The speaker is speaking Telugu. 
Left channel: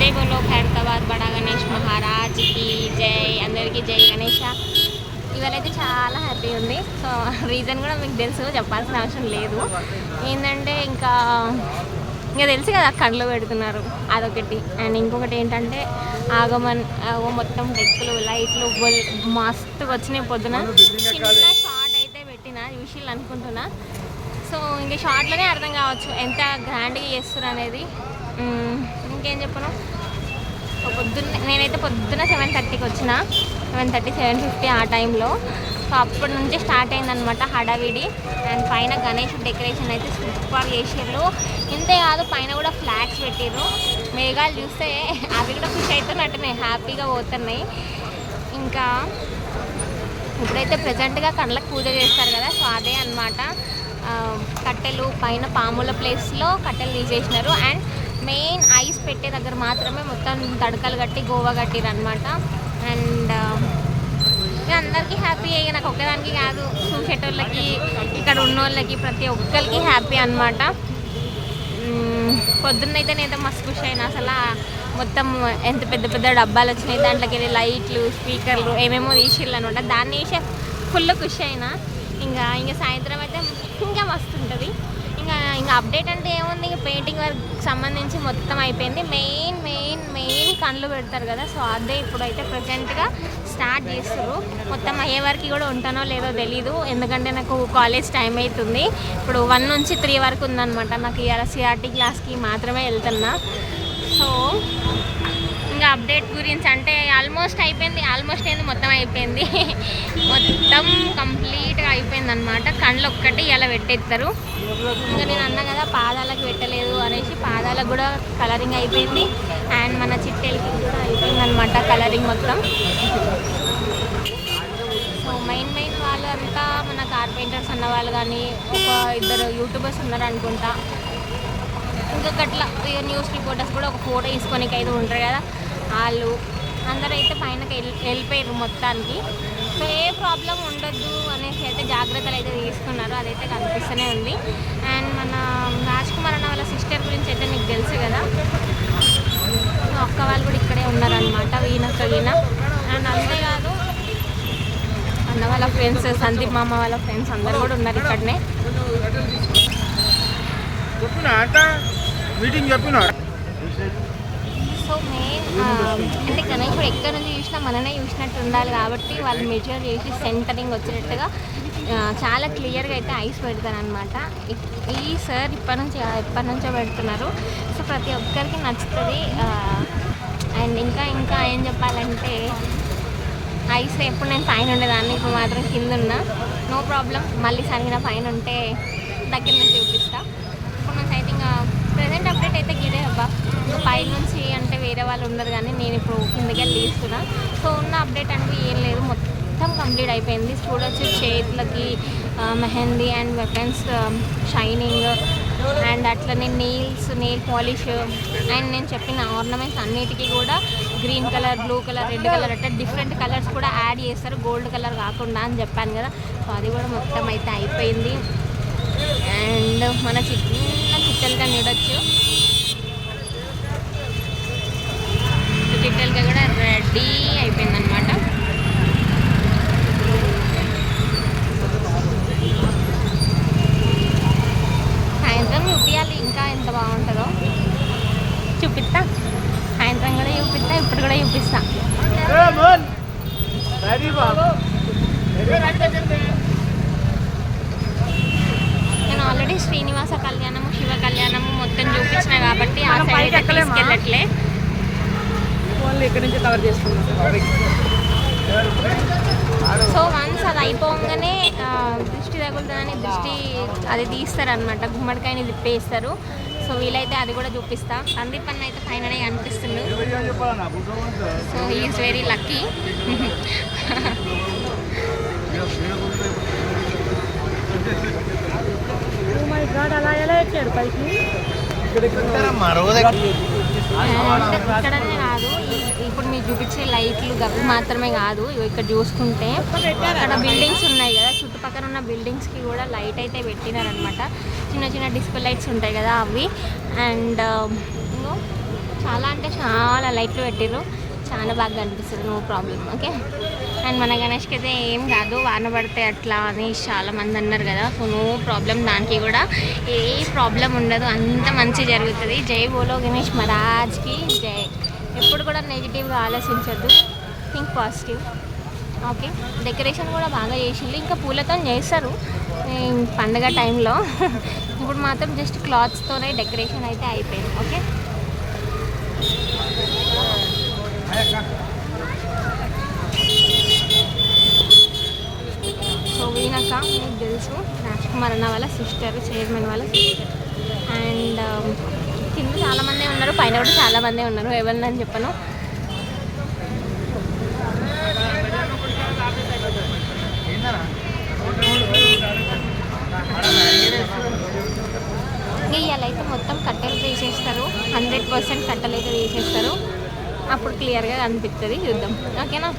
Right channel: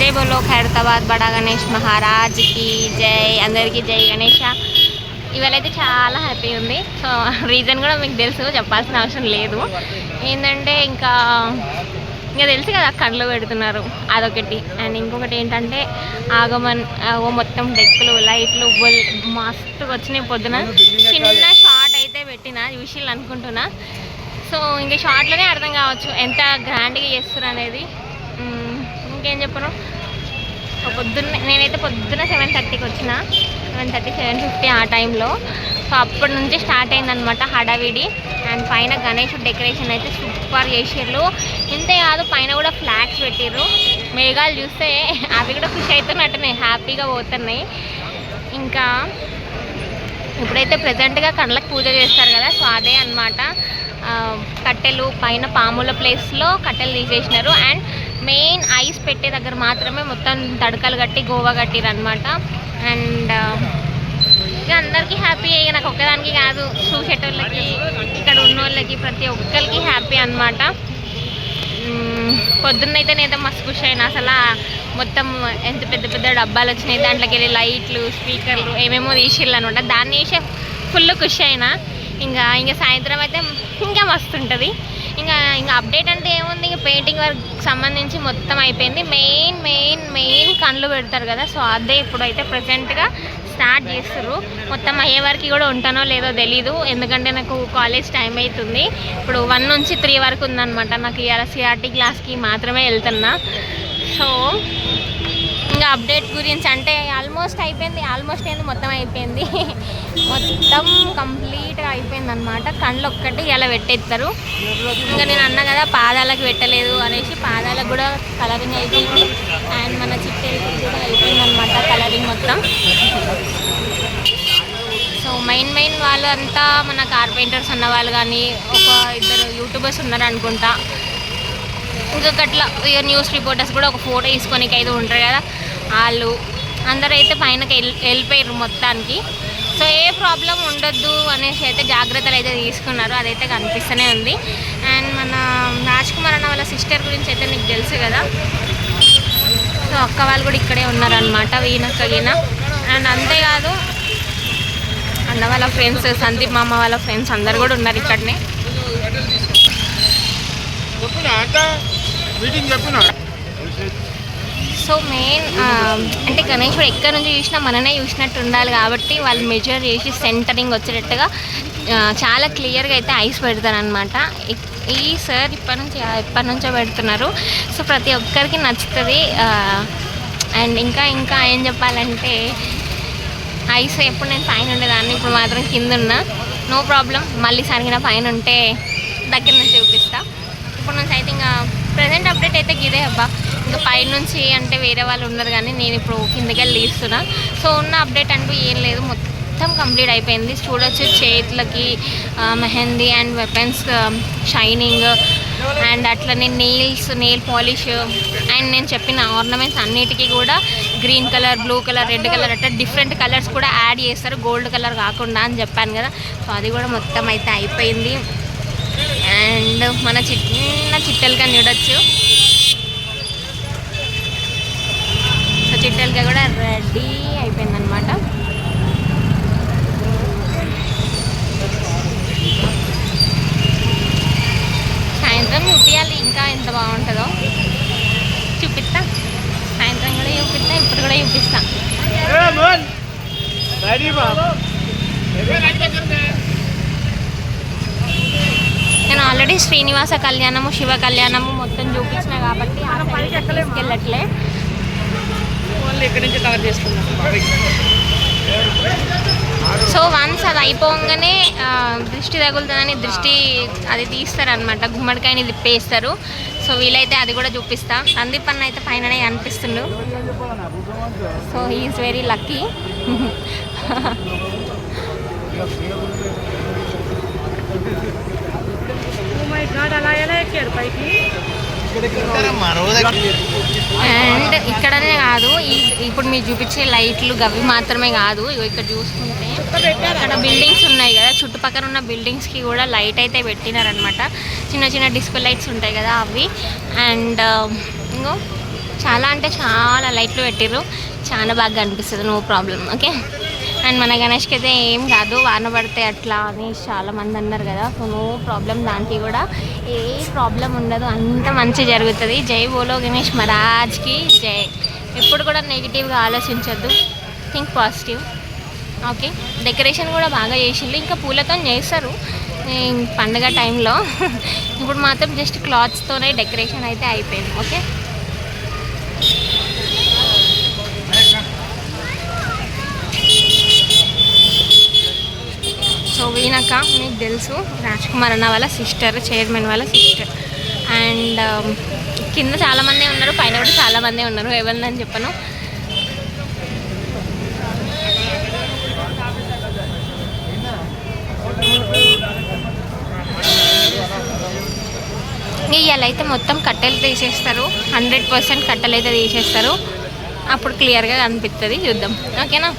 जय बोलो ఖైరతాబాద్ బడా గణేష్ మహారాజ్కి జై. అందరికీ జై గణేష. ఇవాళైతే చాలా హ్యాపీ ఉంది. సో రీజన్ కూడా మీకు తెలుసు, చెప్పాల్సిన అవసరం లేదు. ఏంటంటే ఇంకా తెలుసు కదా, కళ్ళు పెడుతున్నారు అదొకటి. అండ్ ఇంకొకటి ఏంటంటే ఆగమన్ మొత్తం డెక్కులు లైట్లు మస్తుగా వచ్చినాయి. పొద్దున చిన్న షార్ట్ అయితే పెట్టిన చూసిళ్ళు అనుకుంటున్నా. సో ఇంకా షార్ట్లోనే అర్థం కావచ్చు ఎంత గ్రాండ్గా చేస్తారు అనేది. ఇంకేం చెప్పను, నేనైతే పొద్దున్న 7:30కి వచ్చిన, 7:30 7:50 ఆ టైంలో. సో అప్పటి నుంచి స్టార్ట్ అయిందనమాట హడావిడి. అండ్ పైన గణేష్ డెకరేషన్ అయితే సూపర్ చేసిర్రు. ఇంతే కాదు, పైన కూడా ఫ్లాగ్స్ పెట్టిర్రు. మేఘాలు చూస్తే అవి కూడా ఖుషి అవుతున్నట్టున్నాయి, హ్యాపీగా పోతున్నాయి. ఇంకా ఇప్పుడైతే ప్రజెంట్గా కళ్ళకి పూజ చేస్తారు కదా, సో అదే అనమాట. కట్టెలు పైన పాముల ప్లేస్లో కట్టెలు తీసేసినారు. అండ్ మెయిన్ ఐస్ పెట్టే దగ్గర మాత్రమే మొత్తం తడకలు కట్టి గోవా కట్టిరు అనమాట. అండ్ ఇక అందరికీ హ్యాపీ. ఇక నాకు ఒక్కదానికి కాదు, చూసేటోళ్ళకి ఇక్కడ ఉన్నోళ్ళకి ప్రతి ఒక్కరికి హ్యాపీ అనమాట. పొద్దున్నైతే నేనైతే మస్తు ఖుషి అయినా. అసలు మొత్తం ఎంత పెద్ద పెద్ద డబ్బాలు వచ్చినాయి, దాంట్లోకి వెళ్ళి లైట్లు స్పీకర్లు ఏమేమో తీసిర్రు అనమాట. దాన్ని వేసే ఫుల్ ఖుషి అయినా. ఇంకా సాయంత్రం అయితే ఇంకా మస్తు ఉంటుంది. ఇంకా అప్డేట్ అంటే ఏముంది, ఇంకా పెయింటింగ్ వర్క్ సంబంధించి మొత్తం అయిపోయింది. మెయిన్ కళ్ళు పెడతారు కదా, సో అదే ఇప్పుడు అయితే ప్రజెంట్గా స్టార్ట్ చేస్తారు. మొత్తం అయ్యే వరకు కూడా ఉంటానో లేదో తెలీదు, ఎందుకంటే నాకు కాలేజ్ టైం అవుతుంది. ఇప్పుడు 1 నుంచి 3 వరకు ఉందన్నమాట. నాకు ఇవాళ సిఆర్టీ క్లాస్కి మాత్రమే వెళ్తున్నా. సో ఇంకా అప్డేట్ గురించి అంటే ఆల్మోస్ట్ అయిపోయింది. ఆల్మోస్ట్ ఏంది, మొత్తం అయిపోయింది. మొత్తం కంప్లీట్గా అయిపోయింది అనమాట. కళ్ళు ఒక్కటి ఇలా పెట్టేస్తారు. ఇంకా నేను అన్నా కదా పాదాలకు పెట్టలేదు అనేసి, పాదాలకు కూడా కలరింగ్ అయిపోయింది. అండ్ మన చిట్టెరికి కూడా అయిపోయింది అనమాట కలరింగ్ మొత్తం. సో మెయిన్ వాళ్ళు అంతా మన కార్పెంటర్స్ ఉన్న వాళ్ళు, కానీ ఒక 2 యూట్యూబర్స్ ఉన్నారు అనుకుంటా. ఇంకొకట్లా ఇక న్యూస్ రిపోర్టర్స్ కూడా ఒక ఫోటో తీసుకొనికి అయితే ఉంటారు కదా, వాళ్ళు అందరూ అయితే పైనకి వెళ్ళిపోయారు మొత్తానికి. సో ఏ ప్రాబ్లం ఉండొద్దు అనేసి అయితే జాగ్రత్తలు అయితే తీసుకున్నారు, అదైతే కనిపిస్తూనే ఉంది. అండ్ మన రాజ్ కుమార్ అన్న వాళ్ళ సిస్టర్ గురించి అయితే నీకు తెలుసు కదా, సో అక్క వాళ్ళు కూడా ఇక్కడే ఉన్నారనమాట, వీణక్క గీన. అండ్ అంతేకాదు అన్న వాళ్ళ ఫ్రెండ్స్, సందీప్ మామ వాళ్ళ ఫ్రెండ్స్ అందరు కూడా ఉన్నారు ఇక్కడనే. సో మెయిన్ అంటే గణేశుడు ఎక్కడి నుంచి చూసినా మననే చూసినట్టు ఉండాలి కాబట్టి వాళ్ళు మెజర్ చేసి సెంటరింగ్ వచ్చేటట్టుగా చాలా క్లియర్గా అయితే ఐస్ పెడతారనమాట. ఈ సార్ ఎప్పటి నుంచో పెడుతున్నారు. సో ప్రతి ఒక్కరికి నచ్చుతుంది. అండ్ ఇంకా ఏం చెప్పాలంటే, ఐస్ ఎప్పుడు నేను పైన ఉండేదాన్ని, ఇప్పుడు మాత్రం కింద ఉన్నా, నో ప్రాబ్లం. మళ్ళీ సరిగిన పైన ఉంటే దగ్గర నుంచి చూపిస్తా. ఇప్పుడు నుంచి అయితే ఇంకా ప్రజెంట్ అప్డేట్ అయితే ఇదే అబ్బా. ఇంకా పైనుంచి అంటే వేరే వాళ్ళు ఉన్నారు, కానీ నేను ఇప్పుడు కిందకి వెళ్ళి తీస్తున్నా. సో ఉన్న అప్డేట్ అంటూ ఏం లేదు, మొత్తం కంప్లీట్ అయిపోయింది. చూడొచ్చు చేతులకి mehndi and weapons shining, and అట్లనే నెయిల్ పాలిష్, అండ్ నేను చెప్పిన ఆర్నమెంట్స్ అన్నిటికీ కూడా green colour, blue colour, red colour అట్లా డిఫరెంట్ కలర్స్ కూడా యాడ్ చేస్తారు, గోల్డ్ కలర్ కాకుండా అని చెప్పాను కదా. సో అది కూడా మొత్తం అయితే అయిపోయింది. అండ్ మన చిన్న చిట్టెలక చూడొచ్చు. సో చిట్టెలక కూడా రెడీ అయిపోయిందనమాట. సాయంత్రం చూపించాలి ఇంకా ఎంత బాగుంటుందో, చూపిస్తా. సాయంత్రం కూడా చూపిస్తా, ఇప్పుడు కూడా చూపిస్తా. నేను ఆల్రెడీ శ్రీనివాస కళ్యాణము, శివ కళ్యాణము మొత్తం చూపించిన కాబట్టి ఆ సైడ్ అయితే తీసుకెళ్ళట్లే. ఇక్కడి నుంచి కవర్ చేసుకున్నాం. సో వన్స్ అది అయిపోగానే దృష్టి తగులుతుందని దృష్టి అది తీస్తారనమాట, గుమ్మడికాయని తిప్పేస్తారు. సో వీలైతే అది కూడా చూపిస్తా. సందీప్ అన్న అయితే పైననే కనిపిస్తుండు. So he is very lucky. And ఇక్కడనే కాదు, ఇప్పుడు మీరు చూపించే లైట్లు గవి మాత్రమే కాదు, ఇక్కడ చూసుకుంటే ఇక్కడ బిల్డింగ్స్ ఉన్నాయి కదా, చుట్టుపక్కల ఉన్న బిల్డింగ్స్కి కూడా లైట్ అయితే పెట్టినారనమాట. చిన్న డిస్కో లైట్స్ ఉంటాయి కదా అవి. అండ్ ఇంకో చాలా అంటే చాలా లైట్లు పెట్టిర్రు, చాలా బాగా అనిపిస్తుంది, నో ప్రాబ్లం. ఓకే, అండ్ మన గణేష్కి అయితే ఏం కాదు, వాన పడితే అట్లా అని చాలామంది అన్నారు కదా, సో నో ప్రాబ్లం, దానికి కూడా ఏ ప్రాబ్లం ఉండదు, అంత మంచి జరుగుతుంది. జై బోలో గణేష్ మహారాజ్కి జై. ఎప్పుడు కూడా నెగిటివ్గా ఆలోచించొద్దు, థింక్ పాజిటివ్. ఓకే, డెకరేషన్ కూడా బాగా చేసిండ్రు, ఇంకా పూలతో చేస్తారు పండగ టైంలో. ఇప్పుడు మాత్రం జస్ట్ క్లాత్స్తోనే డెకరేషన్ అయితే అయిపోయింది. ఓకే, సో వీణక్క మీకు తెలుసు, రాజ్ కుమార్ అన్న వాళ్ళ సిస్టర్, చైర్మన్ వాళ్ళ సిస్టర్. అండ్ కింద చాలామంది ఉన్నారు, పైన కూడా చాలామంది ఉన్నారు, ఎవరిని చెప్పను. ఇవాళ అయితే మొత్తం కట్టెలు తీసేస్తారు, 100% కట్టెలు అయితే తీసేస్తారు, అప్పుడు క్లియర్గా కనిపిస్తుంది, చూద్దాం. ఓకేనా.